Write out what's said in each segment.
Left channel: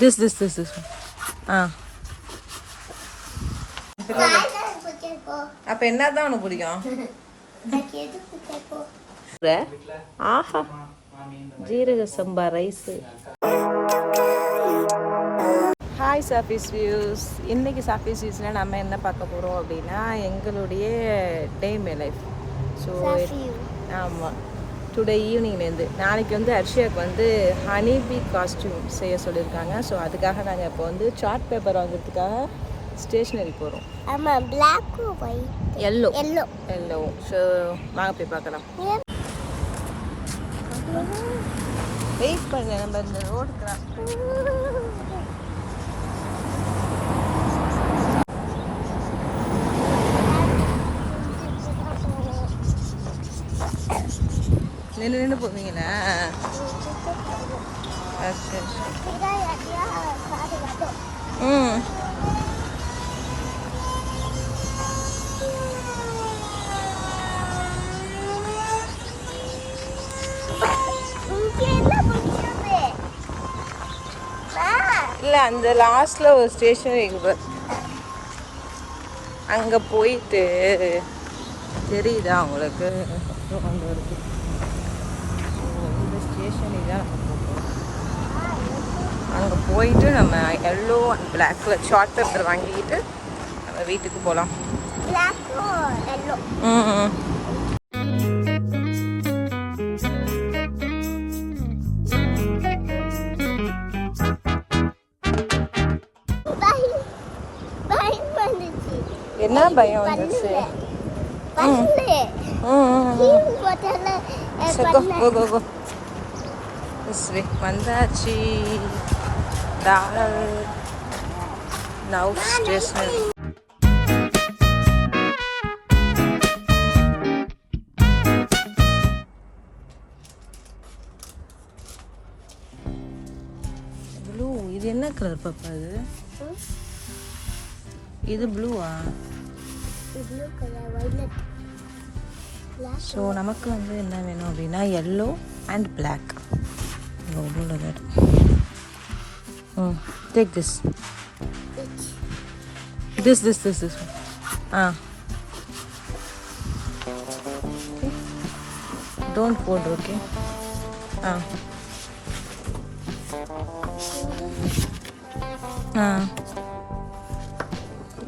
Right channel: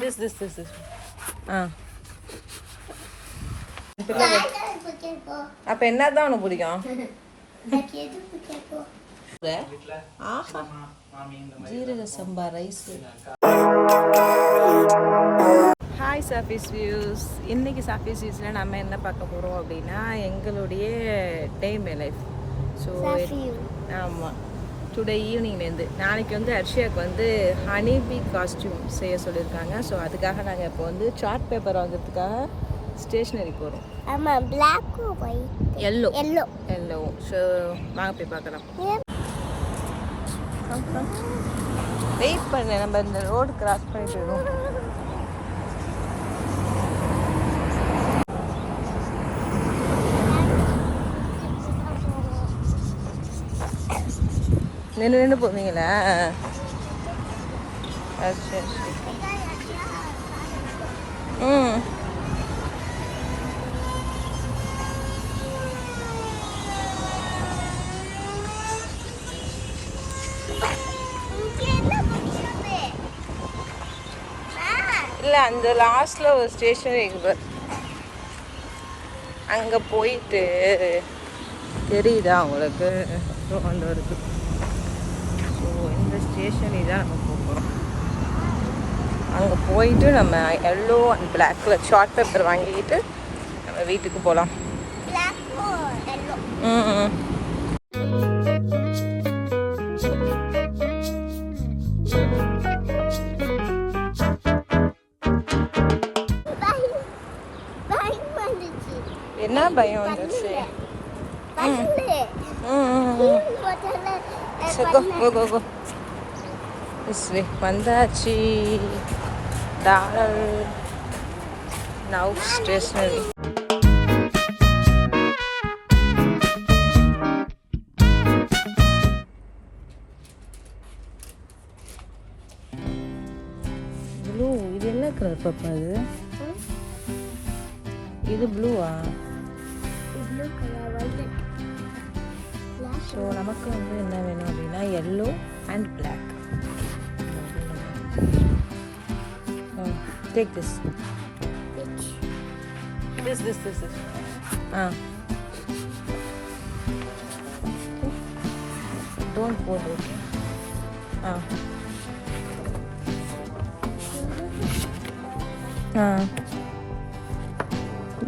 This. அப்போ என்ன தான் உனக்கு பிடிக்கும்? ஆஹா, ஜீரக சம்பா ரைஸ். Hi சாஃபீஸ் views. இன்றைக்கி சாஃபீஸ் வியூஸில் நம்ம என்ன பார்க்க போகிறோம் அப்படின்னா எங்களுடைய டே மை லைஃப். ஸோ ஆமாம், டுடே ஈவினிங்லேருந்து நாளைக்கு வந்து அர்ஷியாவுக்கு வந்து ஹனிபி காஸ்டியூம் செய்ய சொல்லியிருக்காங்க. ஸோ அதுக்காக நாங்கள் இப்போ வந்து சார்ட் பேப்பர் வாங்குறதுக்காக ஸ்டேஷ்னரி போகிறோம். ஆமாம், பிளாக்கும் ஒயிட் எல்லோ. ஸோ வாங்க போய் பார்க்கலாம். வெயிட் பண்ண, நம்ம இந்த ரோடு கிராஸ் பண்ணிடுவோம். நின்று போவீங்களா? ஓகே. இல்லை, அந்த லாஸ்ட்டில் ஒரு ஸ்டேஷனரி இருக்கு, அங்கே போயிட்டு தெரியுதா உங்களுக்கு? கொண்டு வருது. ஸோ இந்த ஸ்டேஷனரி தான் நம்ம போகிறோம். அங்கே போயிட்டு நம்ம எல்லோ அண்ட் பிளாக்கில் ஷார்ட் பேப்பர் வாங்கிக்கிட்டு நம்ம வீட்டுக்கு போகலாம். என்ன பயம் வந்துச்சு? வந்தாச்சு. Now stationary. ப்ளூ, இது என்ன கலர் பாப்பா? இது ப்ளூவா? ஸோ நமக்கு வந்து என்ன வேணும் அப்படின்னா yellow and black. Take this. Don't போட். Okay.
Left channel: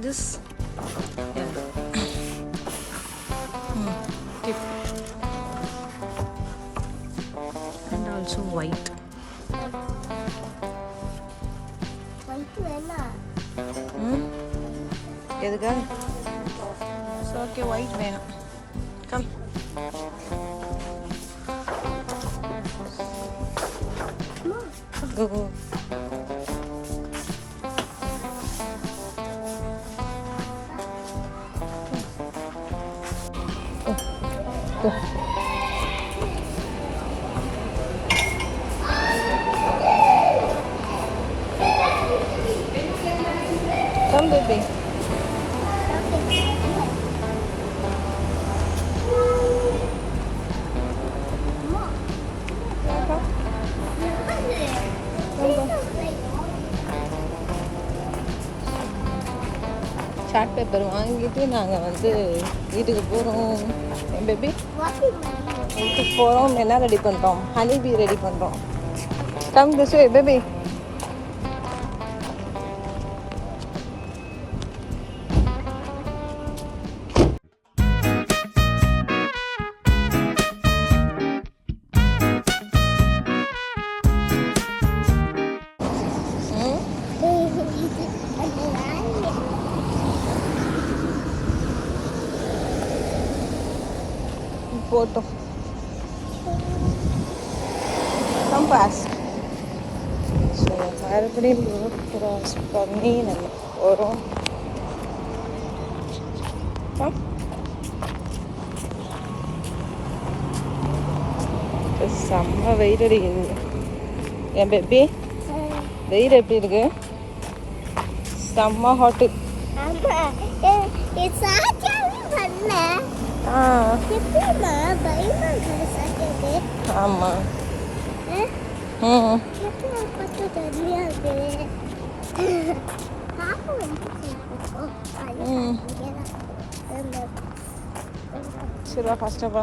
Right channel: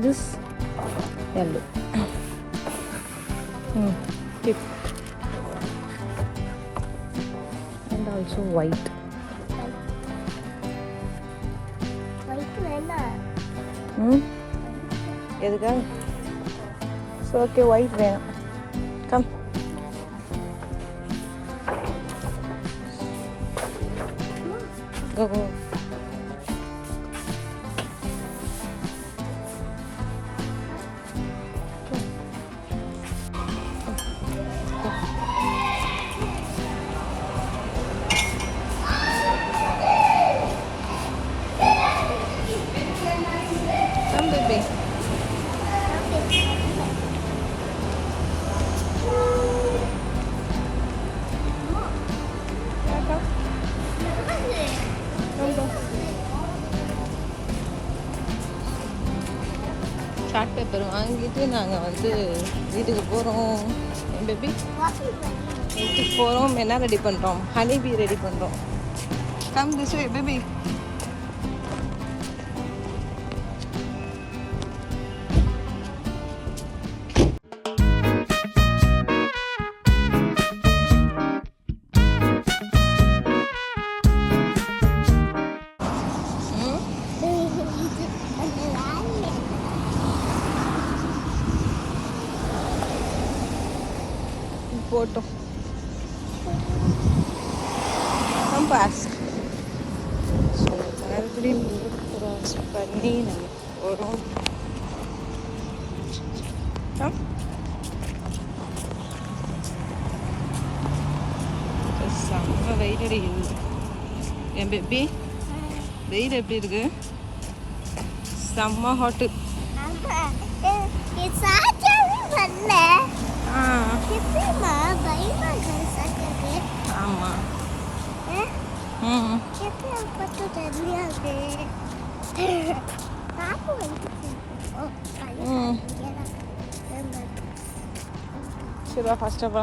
This yellow. Keep. And also white. எதுக்கா? ஸோ ஓகே, ஒயிட் வேணும். Come. Go. Come, baby. Chart paper வாங்கிட்டு நாங்கள் வந்து வீட்டுக்கு போகிறோம். என் பேபி வீட்டுக்கு போகிறோம். என்ன ரெடி பண்ணுறோம்? ஹனிபி ரெடி பண்ணுறோம். Come this way baby. போட்டோம். கம்பாஸ். ஸோ மறுபடியும் ரோட் கிராஸ் பண்ணி நம்ம போகிறோம். செம்ம வெயில் அடிக்குது. என் பேபி, வெயில் எப்படி இருக்கு? செம்ம ஹாட்டு. எப்படிமா பயமா இருக்கு? ஆமாம், ம் எப்போ கொஞ்சம் தெரியாது பாப்பு வந்து ம் சரி வா ஃபஸ்ட்டாக போ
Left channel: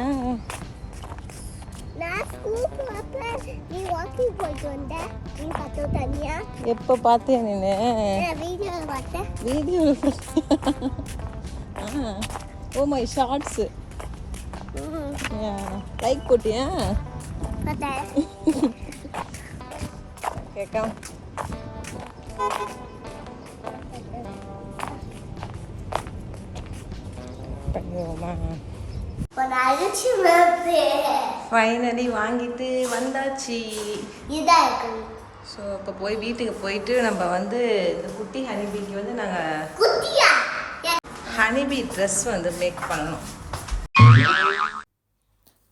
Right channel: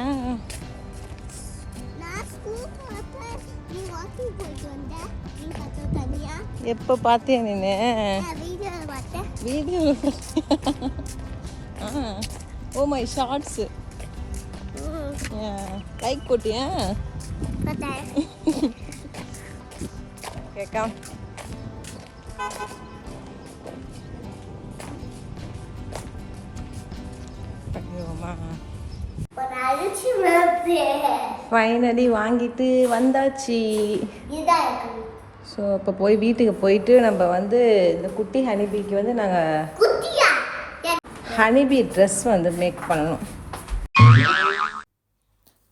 ஏன் நான் ஸ்கூல் போறப்ப நீ வாக்கிங் போயிட்டு வந்த நீ பார்த்து தனியா எப்போ பார்த்தியா நீனு வீடியோவில் பார்த்தேன் video oh my shorts like போட்டியா பார்த்தேன் கேட்காம பண்ணிடுவோமா ஒரு அரிசி வேப்பு ஃபைனலி வாங்கிட்டு வந்தாச்சு இதாக இருக்கு ஸோ இப்போ போய் வீட்டுக்கு போயிட்டு நம்ம வந்து இந்த குட்டி ஹனிபீக்கு வந்து நாங்கள் குட்டியா ஹனிபீ ட்ரெஸ் வந்து மேக் பண்ணணும்.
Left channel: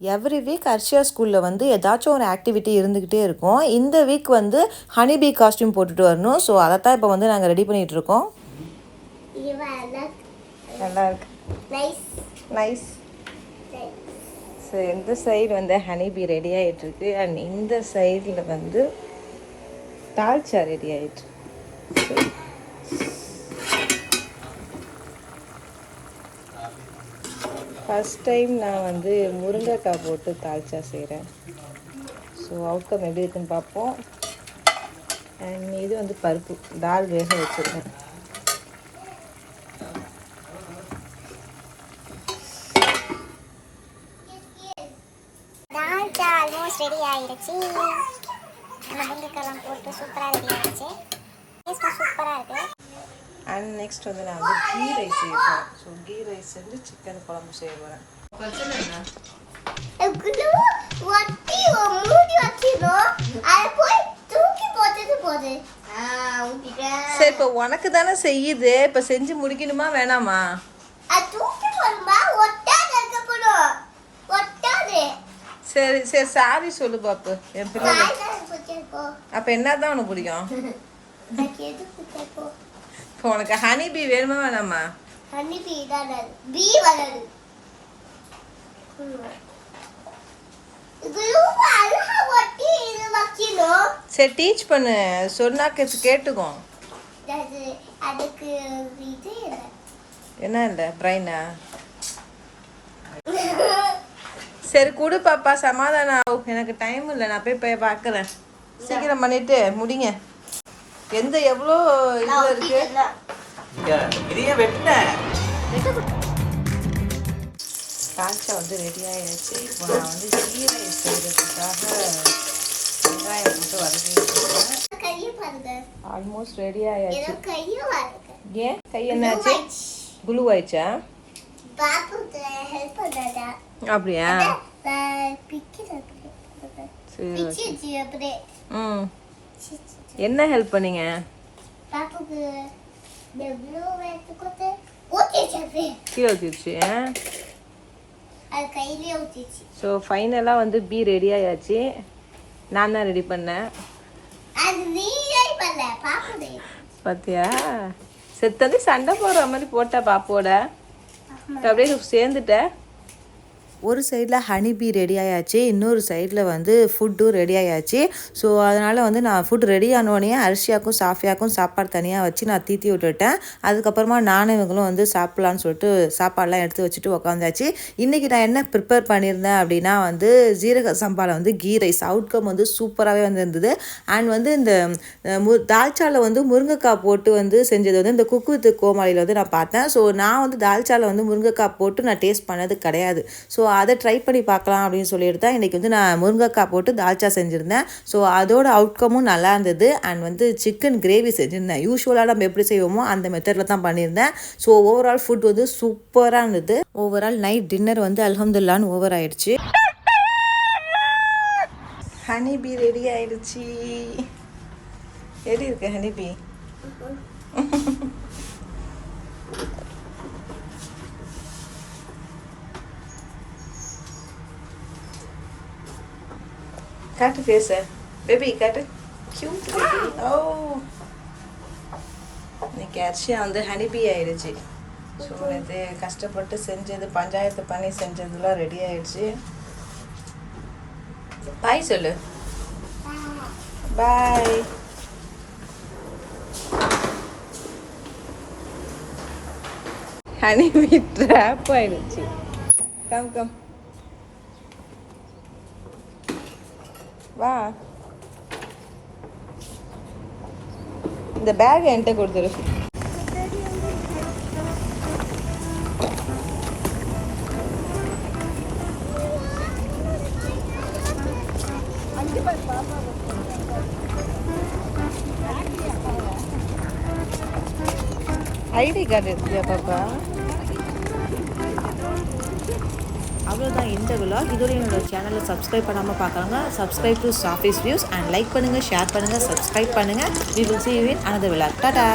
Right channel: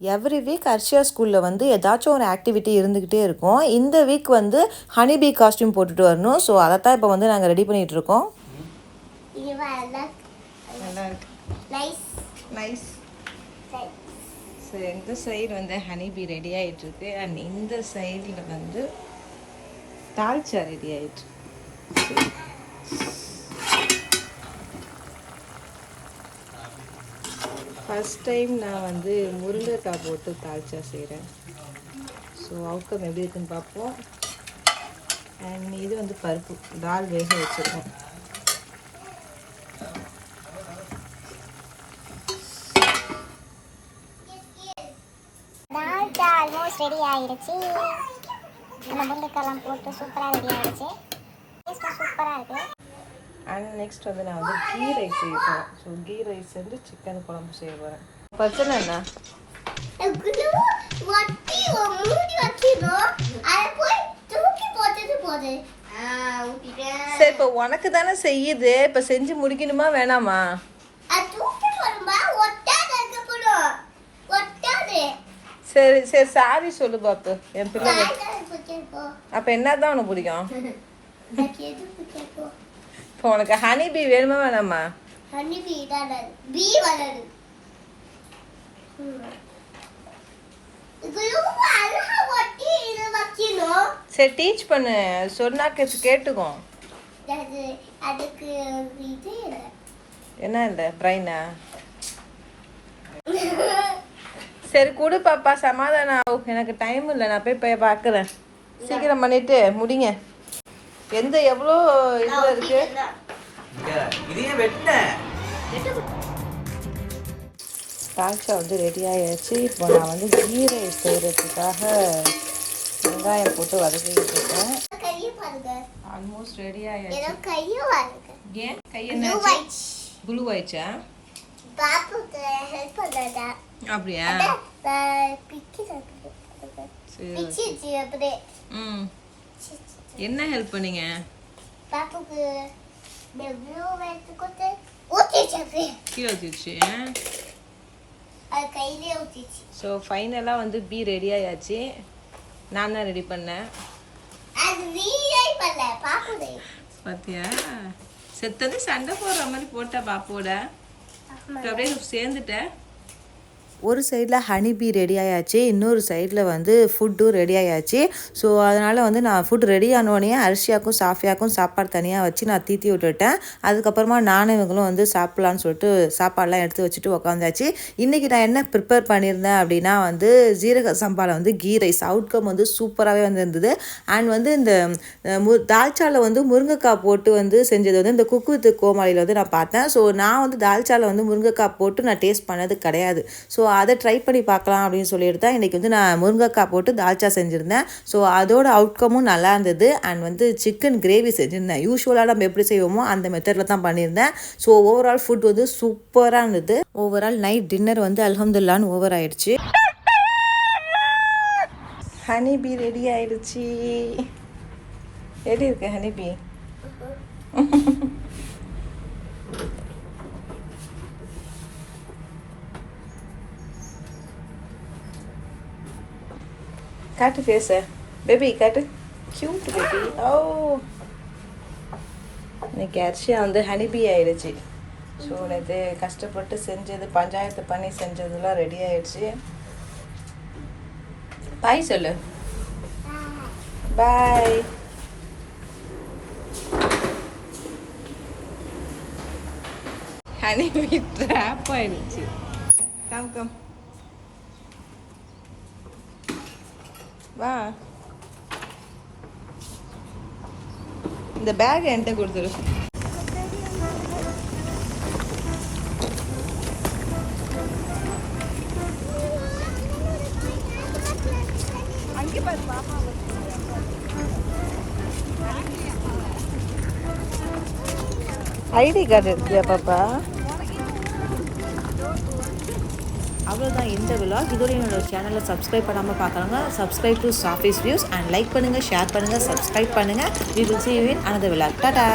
எவ்ரி வீக் அர்ஷியா ஸ்கூலில் வந்து ஏதாச்சும் ஒரு ஆக்டிவிட்டி இருந்துக்கிட்டே இருக்கும். இந்த வீக் வந்து ஹனிபீ காஸ்டியூம் போட்டுட்டு வரணும். ஸோ அதை தான் இப்போ வந்து நாங்கள் ரெடி பண்ணிகிட்டு இருக்கோம். நல்லா இருக்கு, நைஸ். ஸோ இந்த சைடு வந்து ஹனிபீ ரெடி ஆகிட்டுருக்கு அண்ட் இந்த சைடில் வந்து தால்ச்சா ரெடி ஆகிட்டு. ஃபஸ்ட் டைம் நான் வந்து முருங்கைக்காய் போட்டு தால்ச்சா செய்கிறேன். ஸோ அவுட்கம் எப்படி இருக்குன்னு பார்ப்போம். அண்ட் இது வந்து பருப்பு தால் வேக வச்சுருக்கேன். ஆல்மோஸ்ட் ரெடி ஆயிடுச்சு. நம்ம முருங்கைக்காய்லாம் போட்டு சூப்பராக ரெடி ஆயிடுச்சு. டேஸ்ட்டும் சூப்பராக இருக்குது. அண்ட் நெக்ஸ்ட் வந்து நான் வந்து கீ ரைஸ் செய்ய போகிறேன். ஸோ கீ ரைஸ் வந்து சிக்கன் குழம்பு செய்ய போகிறேன். பிரச்சனை என்ன சரி இப்போ உனக்கு தானே செய்யுது, இப்போ செஞ்சு முடிக்கணுமா வேணாமா? சரி சரி சாரி சொல்லு பாப்பு என் பிள்ளை. அப்போ என்ன தான் உனக்கு பிடிக்கும்? இப்போ உனக்கு ஹனிபீ வேணுமா வேணாமா? சரி டீச் பண்ணு, சொன்னா கேட்டுக்கோ. என்ன இல்லை பிரைனா? சரி கொடு பாப்பா, சமாதானம் ஆகும். எனக்கு டைம் இல்லை, நான் போய் பார்க்குறேன். சீக்கிரம் பண்ணிட்டு முடிங்க. எந்த எவ்வளோ இதில் இருக்கு. தால்ச்சா வந்து ரெடி ஆகிடுச்சு. இப்போ நான் வந்து கீ ரைஸ் செய்கிறதுக்காக வெங்காயம் போட்டு வதக்கிட்டு இருக்கேன். ஆல்மோஸ்ட் ரெடி ஆகிடுச்சு. ஏன் கை என்னாச்சு? குளூ ஆயிடுச்சா? அப்படியா? ம் என்ன ஹெல்ப் பண்ணீங்க? கீழே ஊற்றிடுச்சு. ஸோ ஃபைனலாக வந்து பீ ரெடி ஆயாச்சு. நான் தான் ரெடி பண்ணேன். பார்த்தியா செத்தது சண்டை போடுற மாதிரி போட்டா பாப்போட. அப்படியே சேர்ந்துட்ட. ஒரு சைடில் ஹனிபீ ரெடி ஆயாச்சு, இன்னொரு சைடில் வந்து ஃபுட்டும் ரெடி ஆயாச்சு. ஸோ அதனால் வந்து நான் ஃபுட் ரெடி ஆனோடனே அரிசியாக்கும் சாஃபியாக்கும் சாப்பாடு தனியாக வச்சு நான் தீத்தி விட்டுட்டேன். அதுக்கப்புறமா நானும் இவங்களும் வந்து சாப்பிட்லான்னு சொல்லிட்டு சாப்பாடெலாம் எடுத்து வச்சுட்டு உக்காந்தாச்சு. இன்றைக்கி நான் என்ன ப்ரிப்பேர் பண்ணியிருந்தேன் அப்படின்னா வந்து ஜீரக சம்பாவில் வந்து கீ ரைஸ். அவுட்கம் வந்து சூப்பராகவே வந்து இருந்தது. அண்ட் வந்து இந்த தால்ச்சாவில் வந்து முருங்கைக்காய் போட்டு வந்து செஞ்சது வந்து இந்த குக் வித் கோமாளியில் வந்து நான் பார்த்தேன். ஸோ நான் வந்து தால்ச்சாவில் வந்து முருங்கைக்காய் போட்டு நான் டேஸ்ட் பண்ணது கிடையாது. ஸோ அதை ட்ரை பண்ணி பார்க்கலாம் அப்படின்னு சொல்லிட்டு தான் இன்றைக்கி வந்து நான் முருங்கைக்காய் போட்டு தால்ச்சா செஞ்சுருந்தேன். ஸோ அதோட அவுட்கமும் நல்லா இருந்தது. அண்ட் வந்து சிக்கன் கிரேவி செஞ்சுருந்தேன். யூஸ்வலாக நம்ம எப்படி செய்வோமோ அந்த மெத்தடில் தான் பண்ணியிருந்தேன். ஸோ ஓவரால் ஃபுட் வந்து சூப்பராக இருந்தது. ஓவரால் நைட் டின்னர் வந்து அல்ஹம்துலில்லாஹ்னு ஓவர் ஆயிடுச்சு. ஹனிபீ ரெடி ஆயிடுச்சு. எப்படி இருக்கு ஹனிபீ? காட்டு ஃபேஸ பேபி, காட்டு. Cute baby. ஓ இன்னைக்கு அர்ஷியா வந்து ஹனிபீ ஆயிடுச்சு. ஸோ நேற்று கஷ்டப்பட்டு செஞ்சது பஞ்சாயத்து பண்ணி செஞ்சதுலாம் ரெடி ஆயிடுச்சு. பாய் சொல்லு. பாய். ஹனிபி ட்ராப் ஆயிடுச்சு. கம் கம் வா. இந்த பேக் என்கிட்ட கொடுத்துரு. ஐடி கார்டு எடுத்தியா பாப்பா? அவ்வளோதான் இந்த விலாக். இதோட என்னோட சேனலை சப்ஸ்கிரைப் பண்ணாமல் பார்க்குறாங்க, subscribe to Safi's views and like பண்ணுங்கள், ஷேர் பண்ணுங்கள், சப்ஸ்கிரைப் பண்ணுங்கள். We will see you in another vlog. Tata.